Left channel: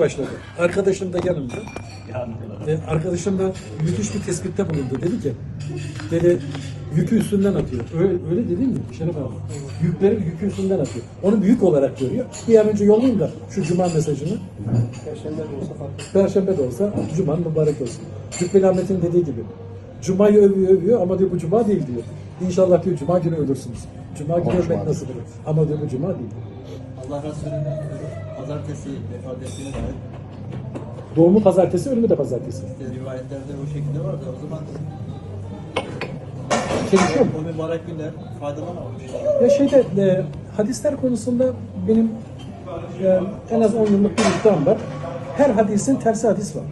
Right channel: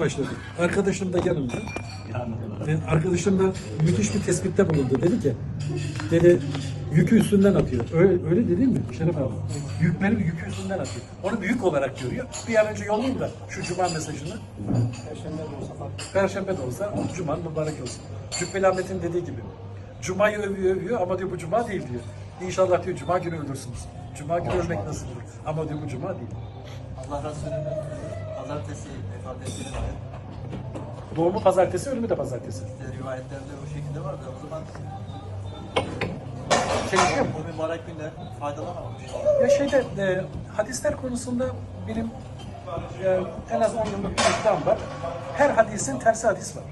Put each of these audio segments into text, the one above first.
başladı. Arkadaşım da yanımda. E, arkadaşım da müthiş bir tespitte bulundu. Dedi ki, dedi yükü üstünden atıyor. Öyle, öyle değil mi Şeref abi? Yükleri yükü üstünden atıyor. Onu büyük olarak görüyor. Bir an önce yollayayım da şu cuma mesajını. Perşembe de olsa cuma mübarek olsun. Cübbeli Ahmet'in dediği gibi. Cumayı övüyor övüyor ama diyor bu cuma değil diyor. İnşallah diyor cuma günü ölürsünüz. Cuma günü ölmek nasip olur. Ama diyor bu cuma değil. Allah Resulü'nün pazartesi vefat ettiğine dair Doğumu pazartesi, ölümü de pazartesi. işte rivayetlerde o şekilde var da o zaman Çelişiyor mu? o mübarek günde faydalanamamış. Ya şeyde e, hadisler konusunda benim e, en az 10 yıllık bir iddiam var. Her hadisin tersi hadis var.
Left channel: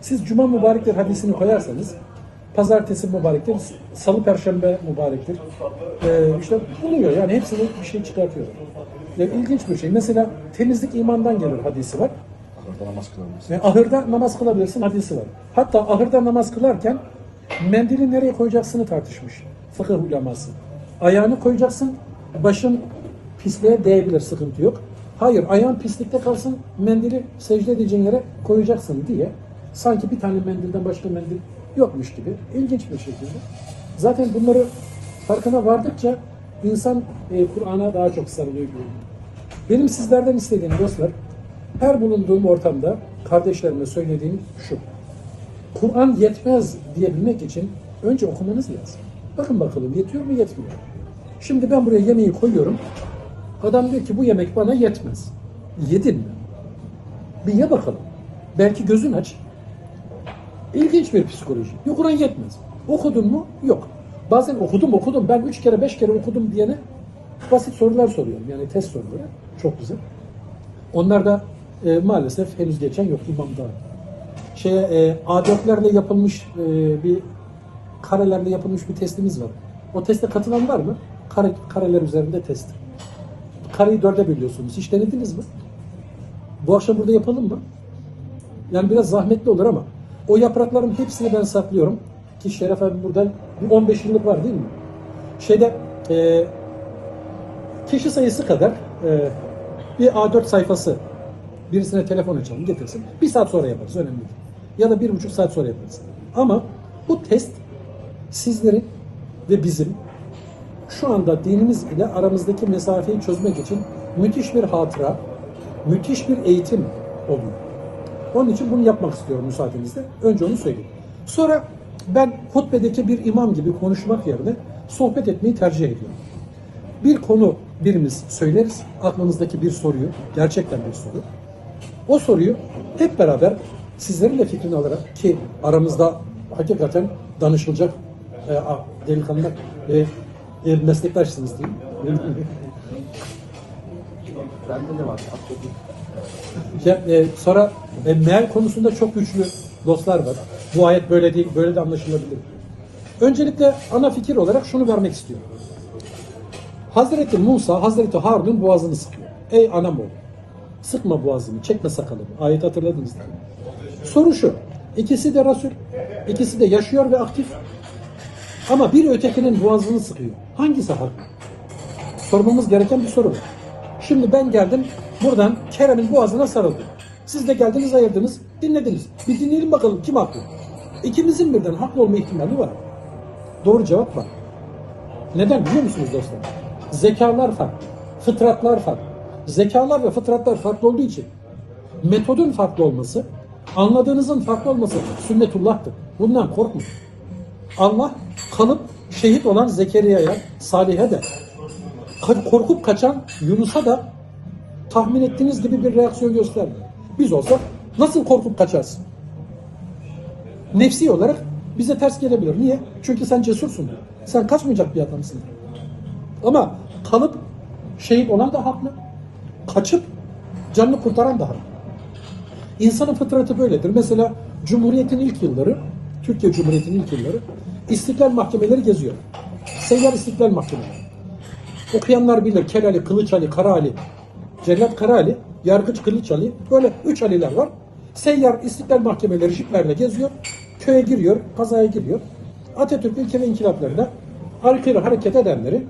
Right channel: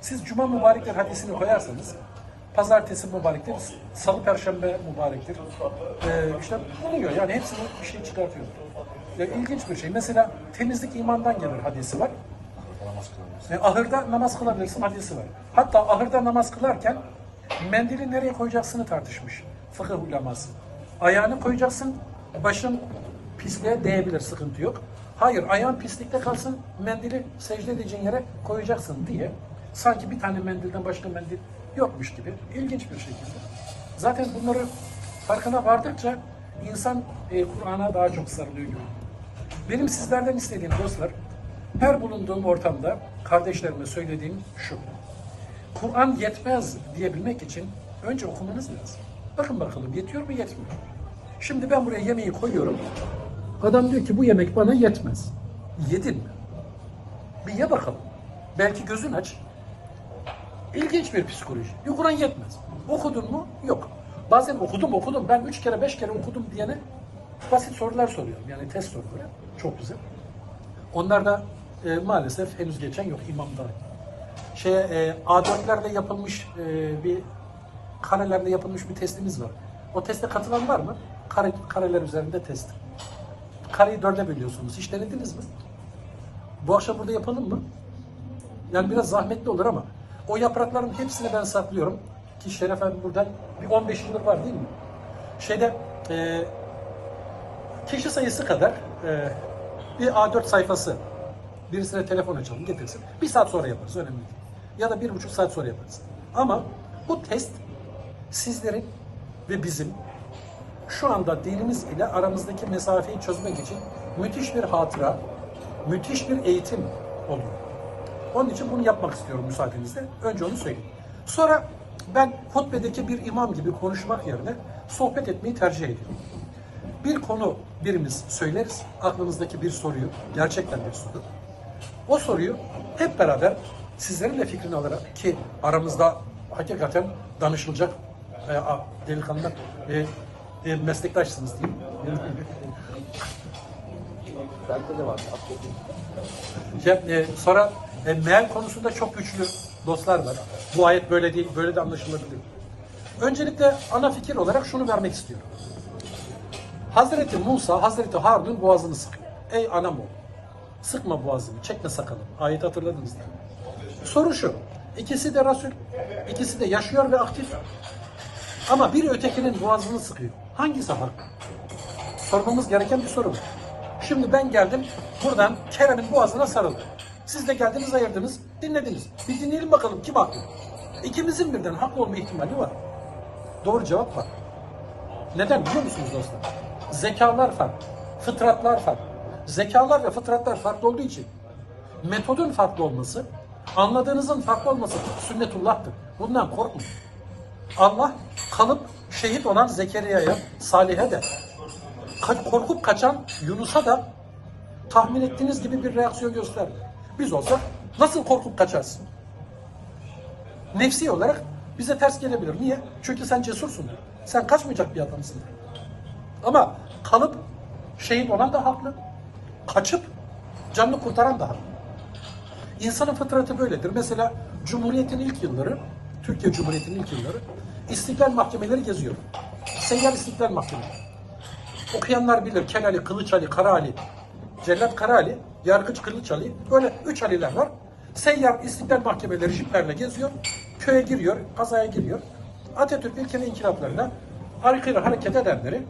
Siz cuma mübarektir hadisini koyarsanız pazartesi mübarektir, salı perşembe mübarektir. E, işte buluyor yani hepsini bir şey çıkartıyorlar. E, ilginç bir şey. Mesela temizlik imandan gelir hadisi var. Orada namaz kılabilirsin. E, ahırda namaz kılabilirsin hadisi var. Hatta ahırda namaz kılarken mendili nereye koyacaksını tartışmış fıkıh uleması. Ayağını koyacaksın, başın pisliğe değebilir, sıkıntı yok. Hayır, ayağın pislikte kalsın, mendili secde edeceğin yere koyacaksın diye. Sanki bir tane mendilden başka mendil yokmuş gibi. İlginç bir şekilde. Zaten bunları farkına vardıkça insan e, Kur'an'a daha çok sarılıyor gibi. Benim sizlerden istediğim dostlar, her bulunduğum ortamda kardeşlerime söylediğim şu. Kur'an yetmez diyebilmek için önce okumanız lazım. Bakın bakalım yetiyor mu yetmiyor. Şimdi ben buraya yemeği koyuyorum. Adam diyor ki bu yemek bana yetmez. Yedin mi? Bir ye bakalım. Belki gözün aç. İlginç bir psikoloji. Yok Kur'an yetmez. Okudun mu? Yok. Bazen okudum okudum. Ben üç kere beş kere okudum diyene basit sorular soruyorum. Yani test soruları. Çok güzel. Onlar da e, maalesef henüz geçen yok imamda. Şeye e, A4'lerle yapılmış e, bir karelerle yapılmış bir testimiz var. O teste katılan var mı? Kare, kareler üzerinde test. Kareyi dörde bölüyorsunuz. Hiç denediniz mi? Bu akşam burada yapalım mı? Yani biraz zahmetli olur ama o yaprakların hepsini ben saklıyorum. Ki Şeref abi buradan bir 15 yıllık var değil mi? Şeyde e, kişi sayısı kadar e, bir A4 sayfası birisine telefon açalım getirsin. Bir saat sonra yaparız önemli değil. Ya da bir buçuk saat sonra yaparız. Ama bu test sizlerin ve bizim şu anda dinimiz ile aramızdaki mesafeyi çözmek için müthiş bir hatıra, müthiş bir eğitim oluyor. Onun için bunu yapmak istiyorum müsaadenizle. Önce onu söyleyeyim. Sonra ben hutbedeki bir imam gibi konuşmak yerine sohbet etmeyi tercih ediyorum. Bir konu birimiz söyleriz, aklımızdaki bir soruyu, gerçekten bir soru. O soruyu hep beraber sizlerin de fikrini alarak ki aramızda hakikaten danışılacak e, delikanlılar e, e, meslektaşsınız diyeyim. E, sonra e, meal konusunda çok güçlü dostlar var. Bu ayet böyle değil, böyle de anlaşılabilir. Öncelikle ana fikir olarak şunu vermek istiyorum. Hazreti Musa, Hazreti Harun'un boğazını sıkıyor. Ey anam oğlu, sıkma boğazımı, çekme sakalımı. Ayet hatırladınız değil mi? Soru şu, ikisi de Resul, ikisi de yaşıyor ve aktif. Ama bir ötekinin boğazını sıkıyor. Hangisi haklı? Sormamız gereken bir soru bu. Şimdi ben geldim, buradan Kerem'in boğazına sarıldım. Siz de geldiniz, ayırdınız, dinlediniz. Bir dinleyelim bakalım kim haklı? İkimizin birden haklı olma ihtimali var. Doğru cevap var. Neden biliyor musunuz dostlar? Zekalar farklı, fıtratlar farklı. Zekalar ve fıtratlar farklı olduğu için metodun farklı olması, anladığınızın farklı olması sünnetullah'tır. Bundan korkmayın. Allah kalıp şehit olan Zekeriya'ya, Salih'e de, korkup kaçan Yunus'a da tahmin ettiğiniz gibi bir reaksiyon gösterdi. Biz olsak nasıl korkup kaçarsın? Nefsi olarak bize ters gelebilir. Niye? Çünkü sen cesursundur. Sen kaçmayacak bir adamsın. Ama kalıp şehit olan da haklı. Kaçıp canını kurtaran da haklı. İnsanın fıtratı böyledir. Mesela Cumhuriyet'in ilk yılları, Türkiye Cumhuriyeti'nin ilk yılları istiklal mahkemeleri geziyor. Seyyar istiklal mahkemeleri. Okuyanlar bilir. Kel Ali, Kılıç Ali, Kara Ali, Cellat Kara Ali, Yargıç Kılıç Ali. Böyle üç Ali'ler var. Seyyar istiklal mahkemeleri jiplerle geziyor. Köye giriyor, kazaya giriyor. Atatürk ilkeli inkılaplarında aykırı hareket edenleri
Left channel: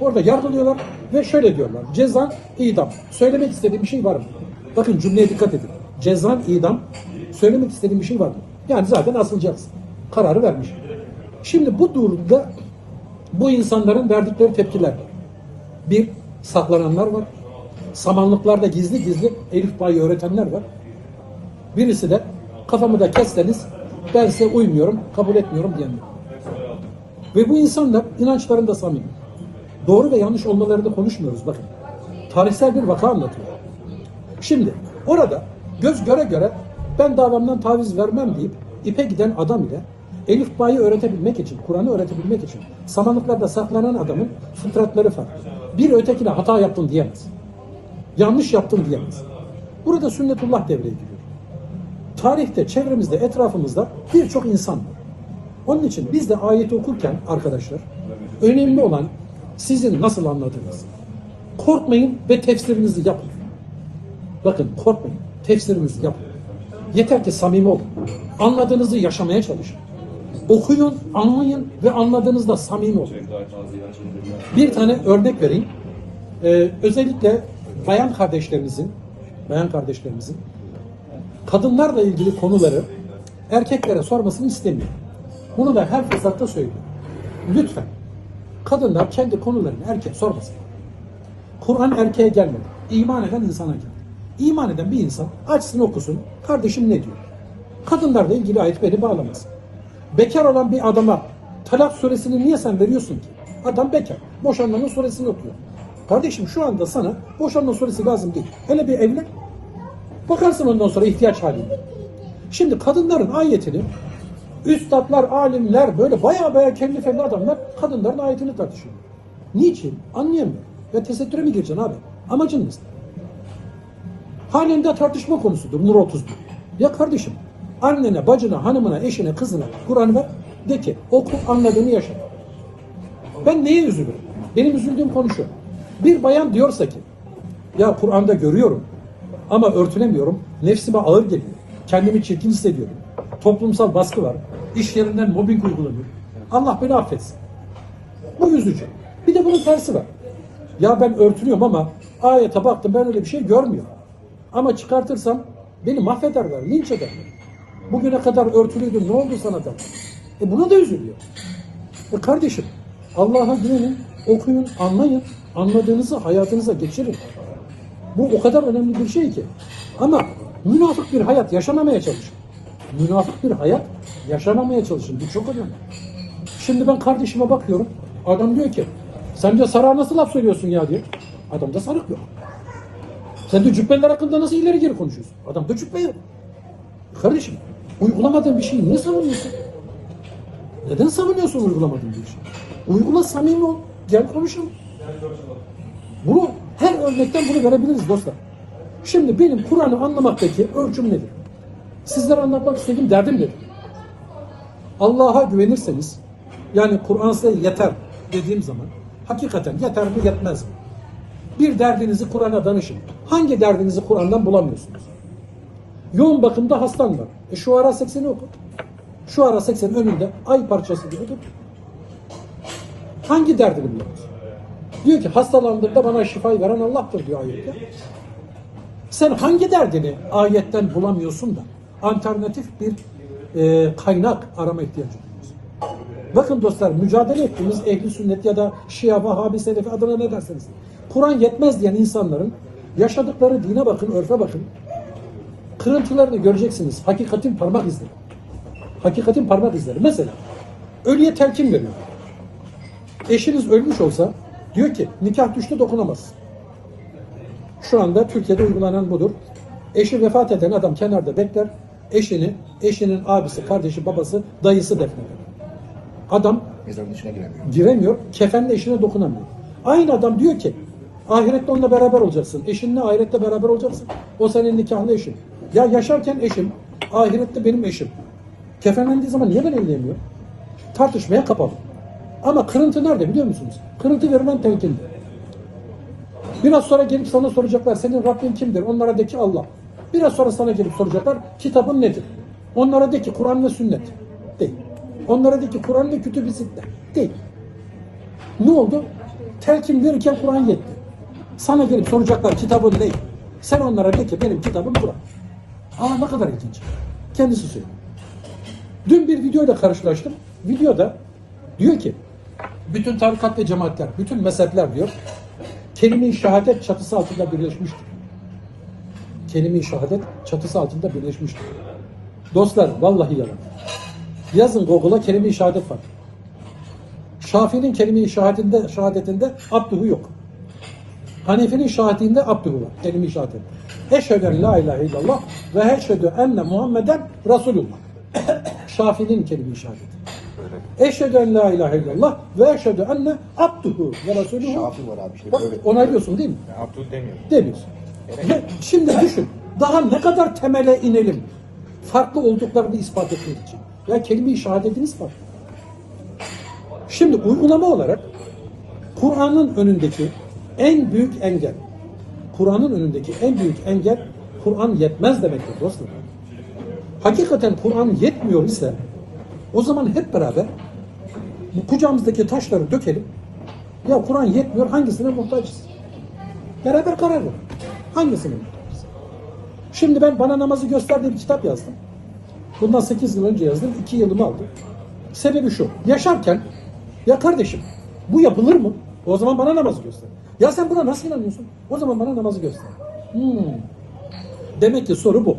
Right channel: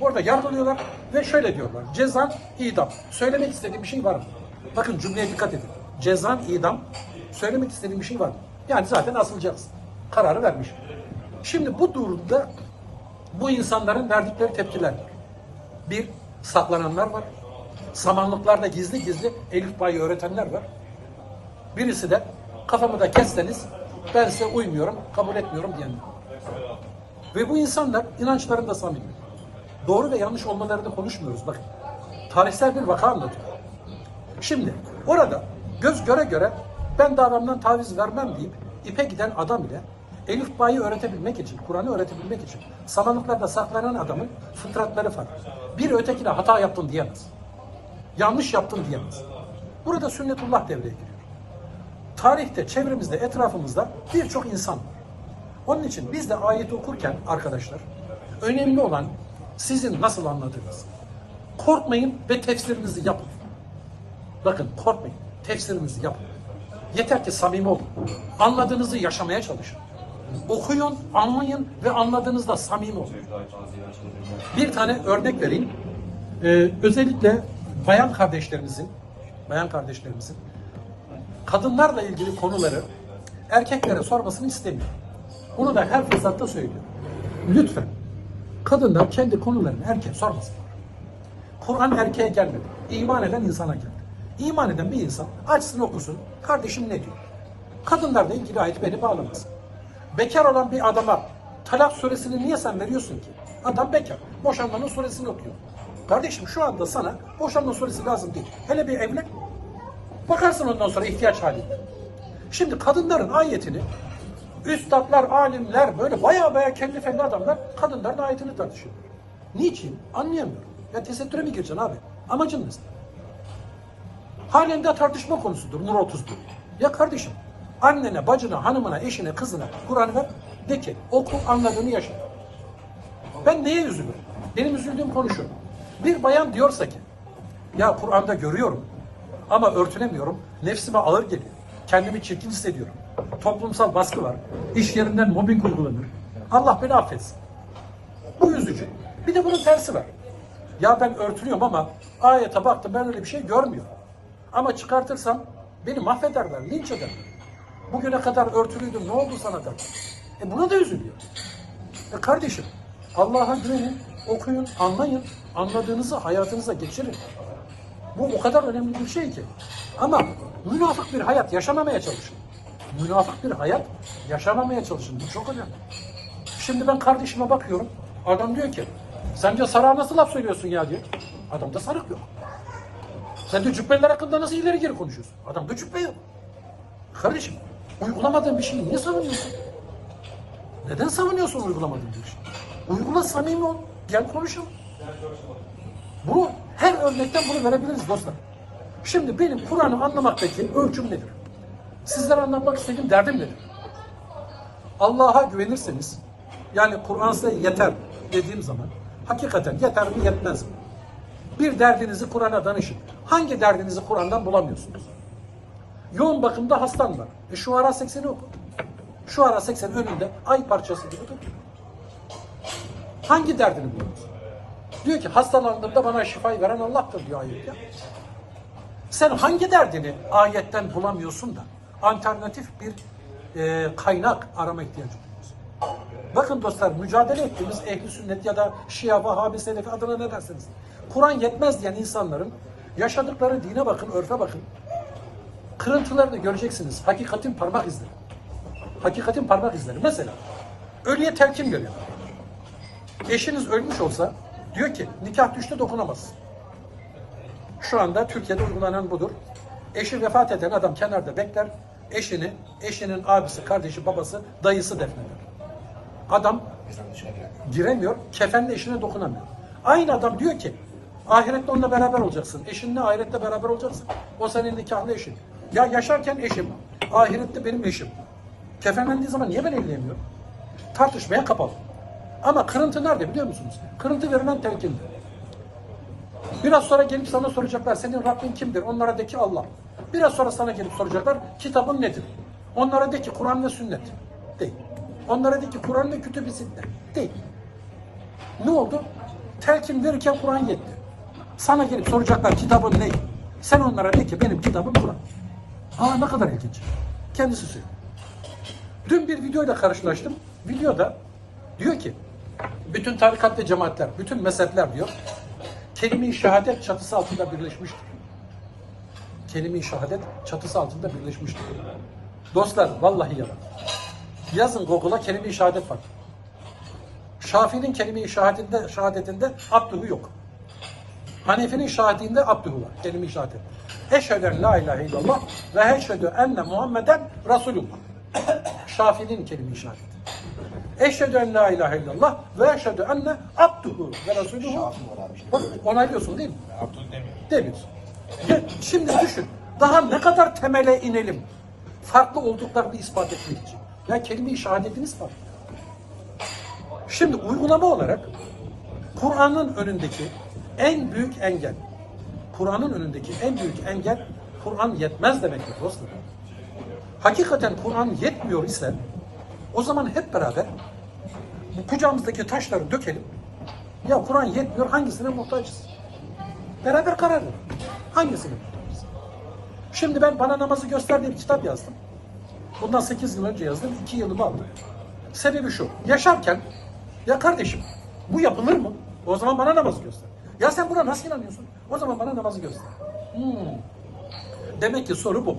orada yargılıyorlar ve şöyle diyorlar. Ceza idam. Söylemek istediğim bir şey var mı? Bakın cümleye dikkat edin. Cezan idam. Söylemek istediğim bir şey var mı? Yani zaten asılacaksın. Kararı vermiş. Şimdi bu durumda bu insanların verdikleri tepkiler var. Bir, saklananlar var. Samanlıklarda gizli gizli Elif Bay'ı öğretenler var. Birisi de kafamı da kesseniz ben size uymuyorum, kabul etmiyorum diyenler. Ve bu insanlar inançlarında samimi. Doğru ve yanlış olmaları da konuşmuyoruz bakın. Tarihsel bir vaka anlatıyor. Şimdi orada göz göre göre ben davamdan taviz vermem deyip ipe giden adam ile Elif Ba'yı öğretebilmek için, Kur'an'ı öğretebilmek için samanlıklarda saklanan adamın fıtratları farklı. Bir ötekine hata yaptın diyemez. Yanlış yaptın diyemez. Burada sünnetullah devreye giriyor. Tarihte, çevremizde, etrafımızda birçok insan var. Onun için biz de ayeti okurken arkadaşlar önemli olan sizin nasıl anladığınız. Korkmayın ve tefsirinizi yapın. Bakın korkmayın. Tefsirinizi yapın. Yeter ki samimi olun. Anladığınızı yaşamaya çalışın. Okuyun, anlayın ve anladığınızda samimi olun. Bir tane örnek vereyim. Ee, özellikle bayan kardeşlerimizin, bayan kardeşlerimizin kadınlarla ilgili konuları erkeklere sormasını istemiyorum. Bunu da her fırsatta söylüyorum. Lütfen kadınlar kendi konularını erkek sormasın. Kur'an erkeğe gelmedi. İman eden insana geldi. İman eden bir insan açsın okusun. Kardeşim ne diyor? Kadınlarla ilgili ayet beni bağlamaz. Bekar olan bir adama talak suresini niye sen veriyorsun ki? Adam bekar. Boşanmanın suresini okuyor. Kardeşim şu anda sana boşanma suresi lazım değil. Hele bir evlen. Bakarsın ondan sonra ihtiyaç halinde. Şimdi kadınların ayetini üstadlar, alimler böyle baya baya kendi felli adamlar kadınların ayetini tartışıyor. Niçin? Anlayamıyorum. Ya tesettüre mi gireceksin abi? Amacın ne? Halen de tartışma konusudur Nur 31. Ya kardeşim annene, bacına, hanımına, eşine, kızına Kur'an'ı ver. De ki oku anladığını yaşa. Ben neye üzülürüm? Benim üzüldüğüm konu şu. Bir bayan diyorsa ki ya Kur'an'da görüyorum ama örtünemiyorum. Nefsime ağır geliyor. Kendimi çirkin hissediyorum. Toplumsal baskı var. İş yerinden mobbing uygulanır. Allah beni affetsin. Bu üzücü. Bir de bunun tersi var. Ya ben örtünüyorum ama ayete baktım ben öyle bir şey görmüyorum. Ama çıkartırsam beni mahvederler, linç ederler. Bugüne kadar örtülüydüm ne oldu sana der. E buna da üzülüyor. E kardeşim Allah'a güvenin, okuyun, anlayın. Anladığınızı hayatınıza geçirin. Bu o kadar önemli bir şey ki. Ama münafık bir hayat yaşamamaya çalışın. Münafık bir hayat yaşamamaya çalışın. Bu çok önemli. Şimdi ben kardeşime bakıyorum. Adam diyor ki sen diyor sarığa nasıl laf söylüyorsun ya diyor. Adamda sarık yok. Sen de cübbeler hakkında nasıl ileri geri konuşuyorsun? Adamda cübbe yok. Kardeşim uygulamadığın bir şeyi niye savunuyorsun? Neden savunuyorsun uygulamadığın bir şeyi? Uygula samimi ol. Gel konuşalım. Bunu her örnekten bunu verebiliriz dostlar. Şimdi benim Kur'an'ı anlamaktaki ölçüm nedir? Sizlere anlatmak istediğim derdim nedir? Allah'a güvenirseniz yani Kur'an size yeter dediğim zaman hakikaten yeter mi yetmez mi? Bir derdinizi Kur'an'a danışın. Hangi derdinizi Kur'an'dan bulamıyorsunuz? Yoğun bakımda hastan var. E şu ara 80'i oku. Şu ara 80 önünde ay parçası gibi dur. Hangi derdini bulamıyorsun? Diyor ki hastalandığımda bana şifayı veren Allah'tır diyor ayette. Sen hangi derdini ayetten bulamıyorsun da alternatif bir e, kaynak arama ihtiyacı duyuyorsun? Bakın dostlar mücadele ettiğimiz ehli sünnet ya da Şia, Vahabi, Selefi adına ne derseniz. Kur'an yetmez diyen insanların yaşadıkları dine bakın, örfe bakın. Kırıntılarını göreceksiniz. Hakikatin parmak izleri. Hakikatin parmak izleri. Mesela ölüye telkin veriyor. Eşiniz ölmüş olsa diyor ki nikah düştü dokunamaz. Şu anda Türkiye'de uygulanan budur. Eşi vefat eden adam kenarda bekler. Eşini, eşinin abisi, kardeşi, babası, dayısı defneder. Adam Mezarın içine giremiyor. giremiyor, kefenle eşine dokunamıyor. Aynı adam diyor ki, ahirette onunla beraber olacaksın. Eşinle ahirette beraber olacaksın. O senin nikahlı eşin. Ya yaşarken eşim, ahirette benim eşim. Kefenlendiği zaman niye ben evlenemiyorum? Tartışmaya kapalı. Ama kırıntı nerede biliyor musunuz? Kırıntı verilen telkinde. Biraz sonra gelip sana soracaklar senin Rabbin kimdir? Onlara de ki Allah. Biraz sonra sana gelip soracaklar kitabın nedir? Onlara de ki Kur'an ve sünnet. Değil. Onlara de ki Kur'an ve kütüb-i sitte. Değil. Ne oldu? Telkin verirken Kur'an yetti. Sana gelip soracaklar kitabın ne? Sen onlara de ki benim kitabım Kur'an. Aa ne kadar ilginç. Kendisi söylüyor. Dün bir videoyla karşılaştım. Videoda diyor ki bütün tarikat ve cemaatler, bütün mezhepler diyor kelime-i şehadet çatısı altında birleşmiştir. Kelime-i şehadet çatısı altında birleşmiştir. Dostlar vallahi yalan. Yazın Google'a kelime-i şehadet var. Şafii'nin kelime-i şehadetinde, şehadetinde abduhu yok. Hanefi'nin şahitliğinde abduhu var. Kelime-i şehadet. Eşhedü en la ilahe illallah ve eşhedü enne Muhammeden Resulullah. Şafii'nin kelime-i şehadeti. Eşhedü en la ilahe illallah ve eşhedü enne abduhu ve Resulullah. Şafi var abi. Şey Bak onaylıyorsun değil mi? Ben Abdül demiyorum. Demiyorsun. Şimdi düşün. Daha ne kadar temele inelim. Farklı olduklarını ispat etmek için. Ya kelime-i şehadetini ispat. Şimdi uygulama olarak Kur'an'ın önündeki en büyük engel, Kur'an'ın önündeki en büyük engel Kur'an yetmez demektir dostlar. Hakikaten Kur'an yetmiyor ise o zaman hep beraber bu kucağımızdaki taşları dökelim. Ya Kur'an yetmiyor hangisine muhtacız? Beraber karar verin. Hangisine muhtacız? Şimdi ben bana namazı göster diye bir kitap yazdım. Bundan 8 yıl önce yazdım. 2 yılımı aldı. Sebebi şu. Yaşarken ya kardeşim bu yapılır mı? O zaman bana namazı göster. Ya sen buna nasıl inanıyorsun? O zaman bana namazı göster. Hmm. Demek ki soru bu.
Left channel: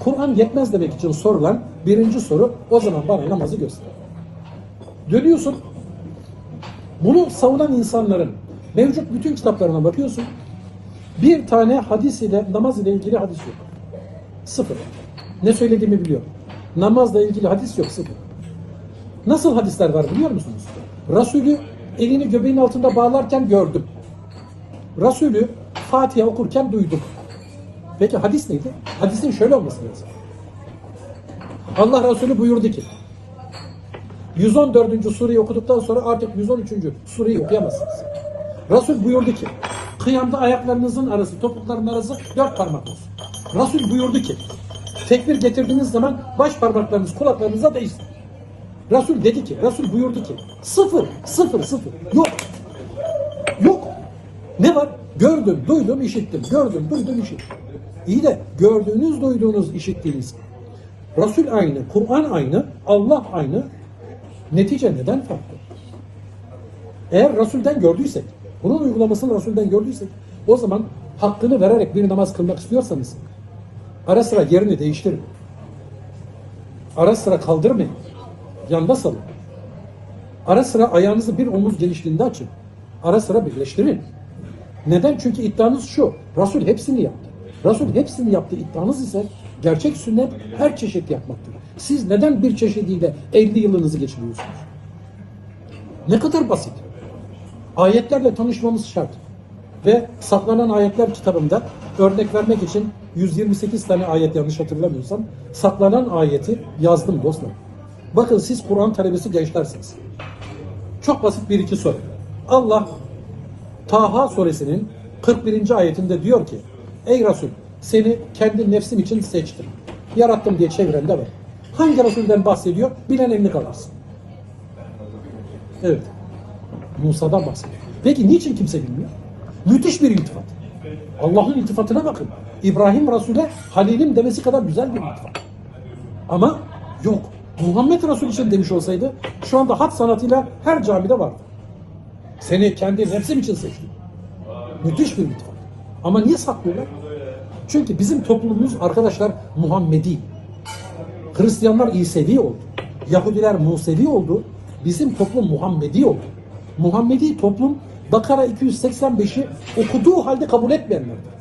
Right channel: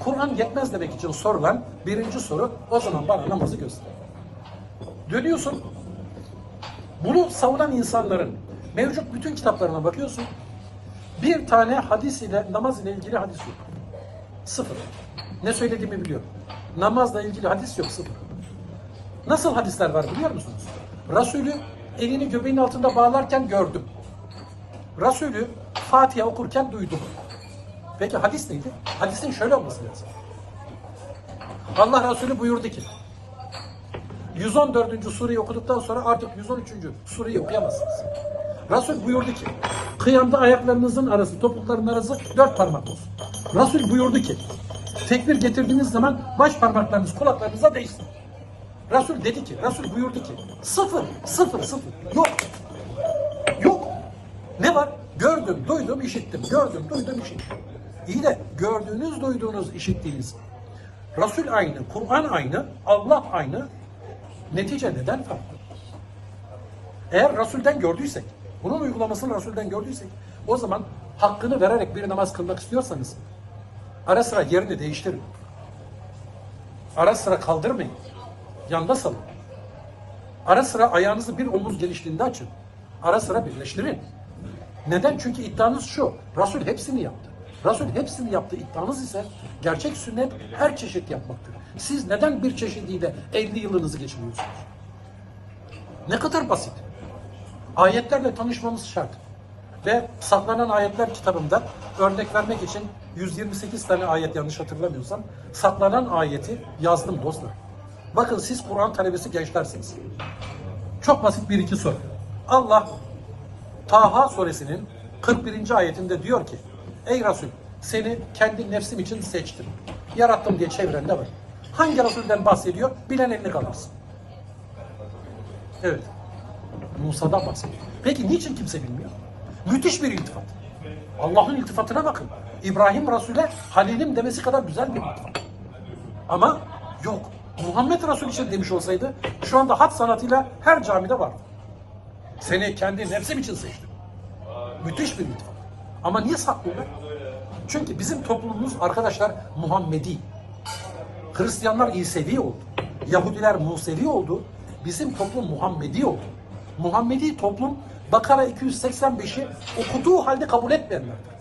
Kur'an yetmez demek için sorulan birinci soru o zaman bana namazı göster. Dönüyorsun. Bunu savunan insanların mevcut bütün kitaplarına bakıyorsun. Bir tane hadis ile namaz ile ilgili hadis yok. Sıfır. Ne söylediğimi biliyorum. Namazla ilgili hadis yok sıfır. Nasıl hadisler var biliyor musunuz? Resulü elini göbeğin altında bağlarken gördüm. Resulü Fatiha okurken duydum. Peki hadis neydi? Hadisin şöyle olması lazım. Allah Resulü buyurdu ki 114. sureyi okuduktan sonra artık 113. sureyi okuyamazsınız. Resul buyurdu ki kıyamda ayaklarınızın arası, topukların arası dört parmak olsun. Resul buyurdu ki tekbir getirdiğiniz zaman baş parmaklarınız kulaklarınıza değsin. Resul dedi ki, Resul buyurdu ki sıfır, sıfır, sıfır. Yok. Yok. Ne var? Gördüm, duydum, işittim. Gördüm, duydum, işittim. İyi de gördüğünüz, duyduğunuz, işittiğiniz Resul aynı, Kur'an aynı, Allah aynı. Netice neden farklı? Eğer Resul'den gördüysek, bunun uygulamasını Resul'den gördüysek, o zaman hakkını vererek bir namaz kılmak istiyorsanız ara sıra yerini değiştirin. Ara sıra kaldırmayın. Yanda salın. Ara sıra ayağınızı bir omuz genişliğinde açın. Ara sıra birleştirin. Neden? Çünkü iddianız şu. Resul hepsini yaptı. Resul hepsini yaptı. İddianız ise gerçek sünnet her çeşit yapmaktır. Siz neden bir çeşidiyle 50 yılınızı geçiriyorsunuz? Ne kadar basit. Ayetlerle tanışmamız şart. Ve saklanan ayetler kitabımda örnek vermek için 128 tane ayet yanlış hatırlamıyorsam saklanan ayeti yazdım dostlar. Bakın siz Kur'an talebesi gençlersiniz. Çok basit bir iki soru. Allah Taha suresinin 41. ayetinde diyor ki Ey Resul seni kendi nefsim için seçtim. Yarattım diye çevirende var. Hangi Resul'den bahsediyor? Bilen elini kaldırsın. Evet. Musa'dan bahsediyor. Peki niçin kimse bilmiyor? Müthiş bir iltifat. Allah'ın iltifatına bakın. İbrahim Resul'e Halilim demesi kadar güzel bir iltifat. Ama yok. Muhammed Resul için demiş olsaydı şu anda hat sanatıyla her camide vardı. Seni kendi nefsim için seçtim. Müthiş bir iltifat. Ama niye saklıyorlar? Çünkü bizim toplumumuz arkadaşlar Muhammedi. Hristiyanlar İsevi oldu. Yahudiler Musevi oldu. Bizim toplum Muhammedi oldu. Muhammedi toplum Bakara 285'i okuduğu halde kabul etmeyenlerdir.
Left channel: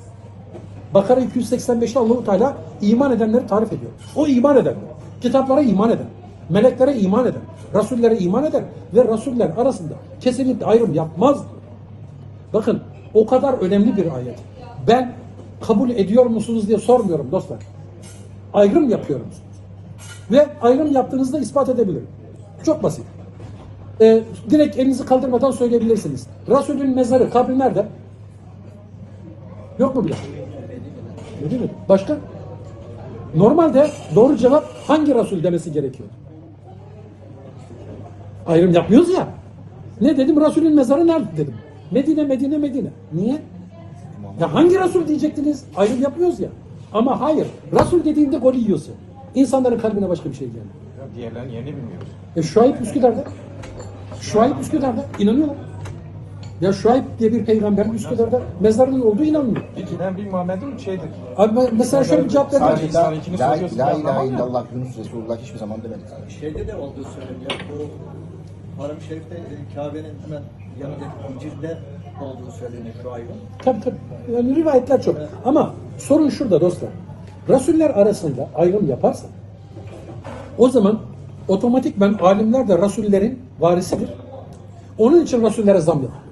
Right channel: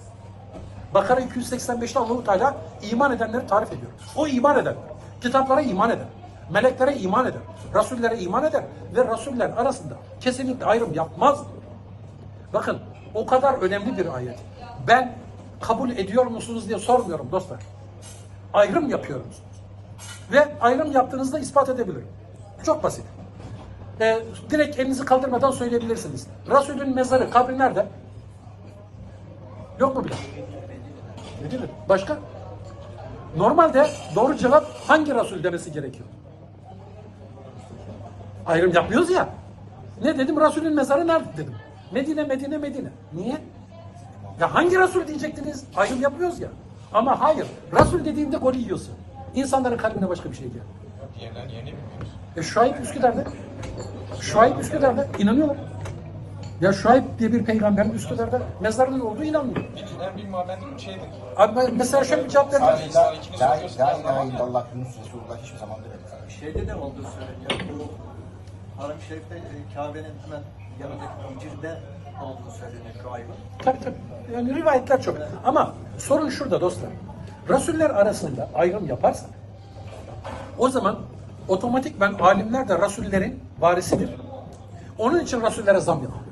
Bakara 285'te Allahu Teala iman edenleri tarif ediyor. O iman edenler. Kitaplara iman eden, meleklere iman eden, rasullere iman eder ve rasuller arasında kesinlikle ayrım yapmaz. Bakın o kadar önemli bir ayet. Ben kabul ediyor musunuz diye sormuyorum dostlar. Ayrım yapıyor musunuz? Ve ayrım yaptığınızda ispat edebilirim. Çok basit. Ee, direkt elinizi kaldırmadan söyleyebilirsiniz. Resulün mezarı, kabri nerede? Yok mu bile? Medine'de. Başka? Normalde doğru cevap hangi Resul demesi gerekiyor? Ayrım yapmıyoruz ya. Ne dedim? Resulün mezarı nerede dedim. Medine, Medine, Medine. Niye? Ya hangi Resul diyecektiniz? Ayrım yapmıyoruz ya. Ama hayır. Resul dediğinde golü yiyorsun. İnsanların kalbine başka bir şey gelmiyor. Diğerlerini yeni bilmiyoruz. E Şuayb Üsküdar'da. Şuayb Üsküdar'da inanıyorlar. Ya Şuayb diye bir peygamberin Üsküdar'da mezarının olduğu inanmıyor. İkiden bir Muhammed'in şeydir. Ama mesela şöyle bir cevap verdim. Sadece La, la, la ilahe illallah Yunus Resulullah hiçbir zaman demedi. Şeyde de olduğu söyleniyor. Bu Harem-i Şerif'te e, Kabe'nin hemen yanındaki Hicr'de olduğu söyleniyor şu ayın. Tabii tabii. Yani rivayetler çok. Ama sorun şurada dostlar. Rasuller arasında ayrım yaparsak o zaman otomatikman alimler de rasullerin varisidir. Onun için Resullere zam yapıyor.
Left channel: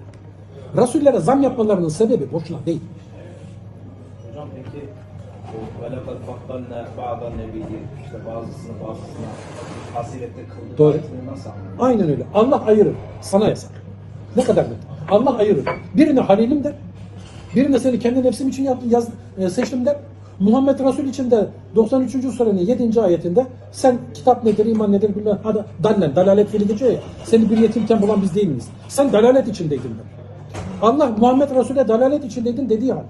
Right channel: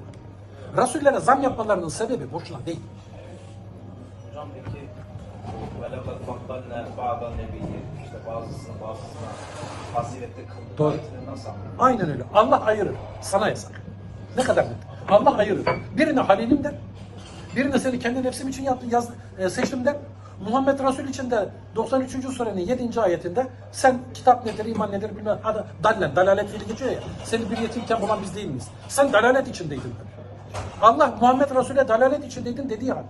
Resullere zam yapmalarının sebebi boşuna değil. Doğru. Aynen öyle. Allah ayırır. Sana yasak. Ne kadar net. Allah ayırır. Birini halilim der. Birini seni kendi nefsim için yaptım, yaz, e, seçtim der. Muhammed Resul için de 93. surenin 7. ayetinde sen kitap nedir, iman nedir bilmem. Hadi dallen, dalalet fiili geçiyor ya. Seni bir yetimken bulan biz değil miyiz? Sen dalalet içindeydin der. Allah Muhammed Resul'e dalalet içindeydin dediği halde.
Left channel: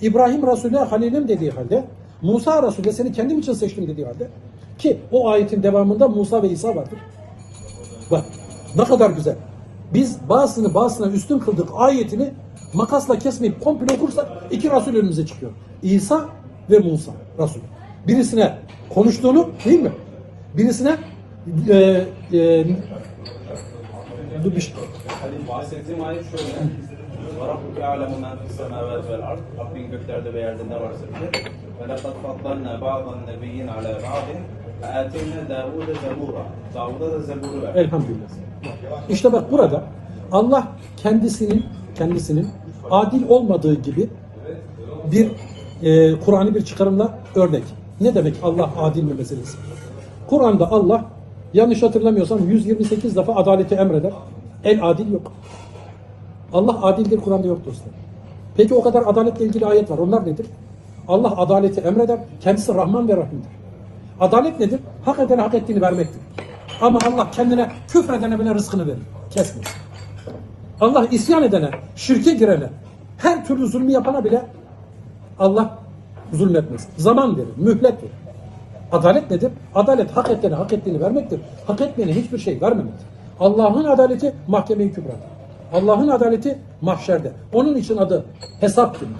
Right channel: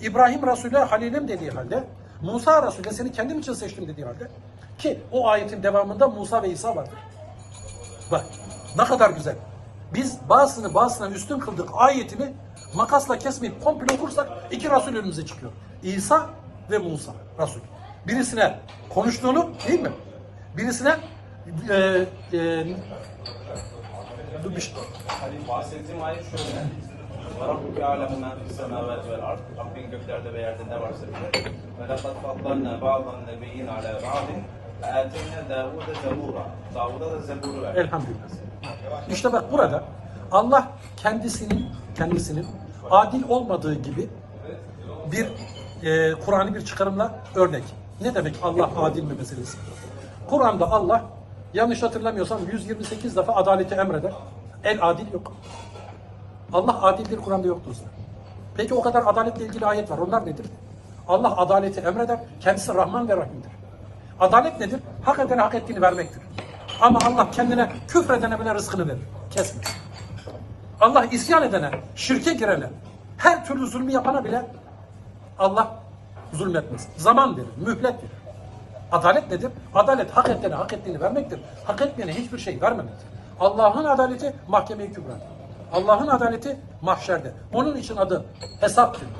İbrahim Resul'e halilim dediği halde. Musa Resul'e seni kendim için seçtim dediği halde. Ki o ayetin devamında Musa ve İsa vardır. Bak ne kadar güzel. Biz bazısını bazısına üstün kıldık ayetini makasla kesmeyip komple okursak iki Resul önümüze çıkıyor. İsa ve Musa Resul. Birisine konuştuğunu değil mi? Birisine e, e, dur bir şey- Bahsettiğim ayet şöyle. Rabbike alemu men fis semavati vel ard. Rabbin göklerde ve yerde ne varsa. Ve laqad faddalna ba'dan nebiyyin ala ba'din. Ateyna Davud'a zebura. Davud'a da zeburu ver. Elhamdülillah. İşte bak burada Allah kendisinin kendisinin adil olmadığı gibi bir e, Kur'an'ı bir çıkarımla örnek. Ne demek Allah adil mi meselesi? Kur'an'da Allah yanlış hatırlamıyorsam 128 defa adaleti emreder. El adil yok. Allah adildir Kur'an'da yok dostlar. Peki o kadar adaletle ilgili ayet var. Onlar nedir? Allah adaleti emreder. Kendisi Rahman ve Rahim'dir. Adalet nedir? Hak edene hak ettiğini vermektir. Ama Allah kendine küfredene bile rızkını verir. Kesmez. Allah isyan edene, şirke girene, her türlü zulmü yapana bile Allah zulmetmez. Zaman verir, mühlet verir. Adalet nedir? Adalet hak edene hak ettiğini vermektir. Hak etmeyene hiçbir şey vermemektir. Allah'ın adaleti mahkeme-i kübrada. Allah'ın adaleti mahşerde. Onun için adı hesap günü.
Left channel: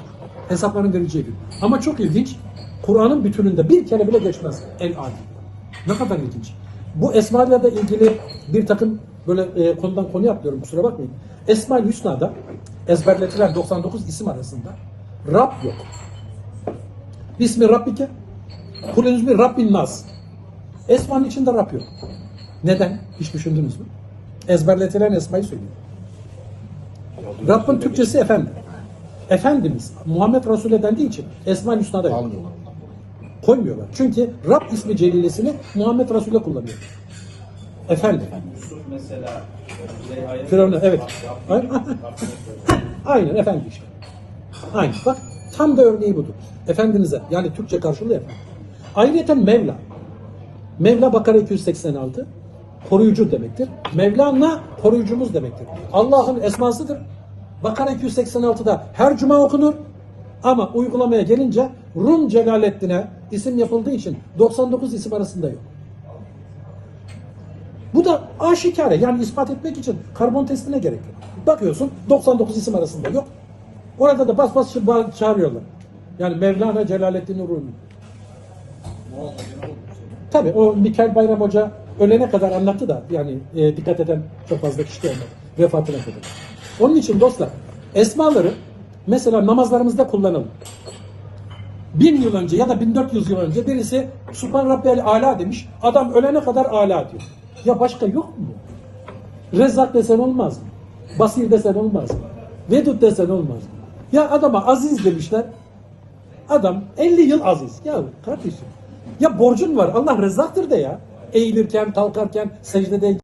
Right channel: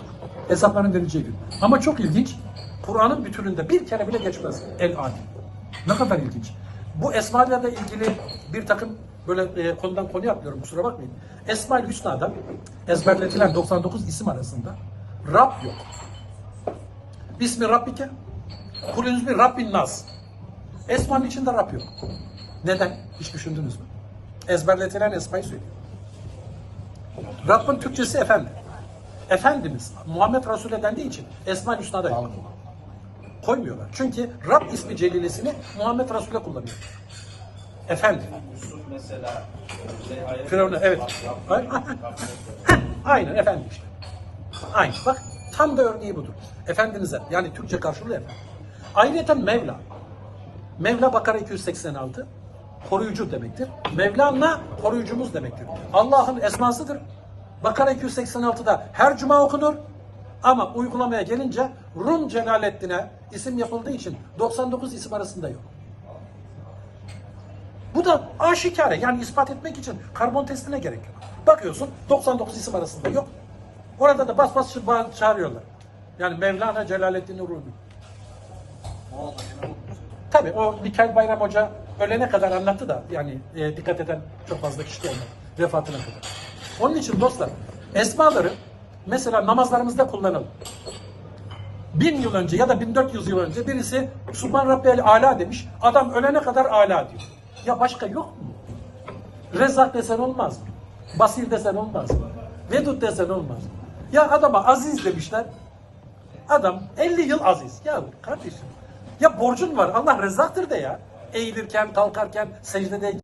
Hesapların verileceği gün. Ama çok ilginç. Kur'an'ın bütününde bir kere bile geçmez. El adil. Ne kadar ilginç. Bu esmalarla ilgili bir takım böyle e, konudan konuya atlıyorum kusura bakmayın. Esma-ül Hüsna'da ezberletilen 99 isim arasında Rab yok. Bismi Rabbike Kulünüz bir Rabbin Nas. Esmanın içinde Rab yok. Neden? Hiç düşündünüz mü? Ezberletilen esmayı söylüyor. Rabbin Türkçesi efendi. Efendimiz Muhammed Resul'e dendiği için Esma-ül Hüsna'da yok. Koymuyorlar. Çünkü Rab ismi celilesini Muhammed Resul'e kullanıyor. Efendi. Firavun'a evet. Aynen efendi işte. Aynen. Bak tam da örneği budur. Efendinize yani Türkçe karşılığı efendi. Ayrıca Mevla. Mevla Bakara 286 koruyucu demektir. Mevlana koruyucumuz demektir. Allah'ın esmasıdır. Bakara 286'da her cuma okunur. Ama uygulamaya gelince Rum Celaleddin'e isim yapıldığı için 99 isim arasında yok. Bu da aşikare yani ispat etmek için karbon testine gerek yok. Bakıyorsun 99 isim arasında yok. Orada da bas bas çağırıyorlar. Yani Mevlana Celaleddin Rumi. Tabii o Mikail Bayram Hoca ölene kadar anlattı da yani e, dikkat eden çok fazla kişi olmadı vefatına kadar. Onun için dostlar esmaları mesela namazlarımızda kullanalım. Bin yıl önce ya da 1400 yıl önce birisi Subhan Rabbiyel Ala demiş. Adam ölene kadar ala diyor. Ya başka yok mu? Rezzak desen olmaz mı? Basir desen olmaz mı? Vedud desen olmaz mı? Ya adama aziz demişler. Adam 50 yıl aziz. Ya kardeşim. Ya borcun var. Allah rezzaktır de ya. Eğilirken, kalkarken, secdede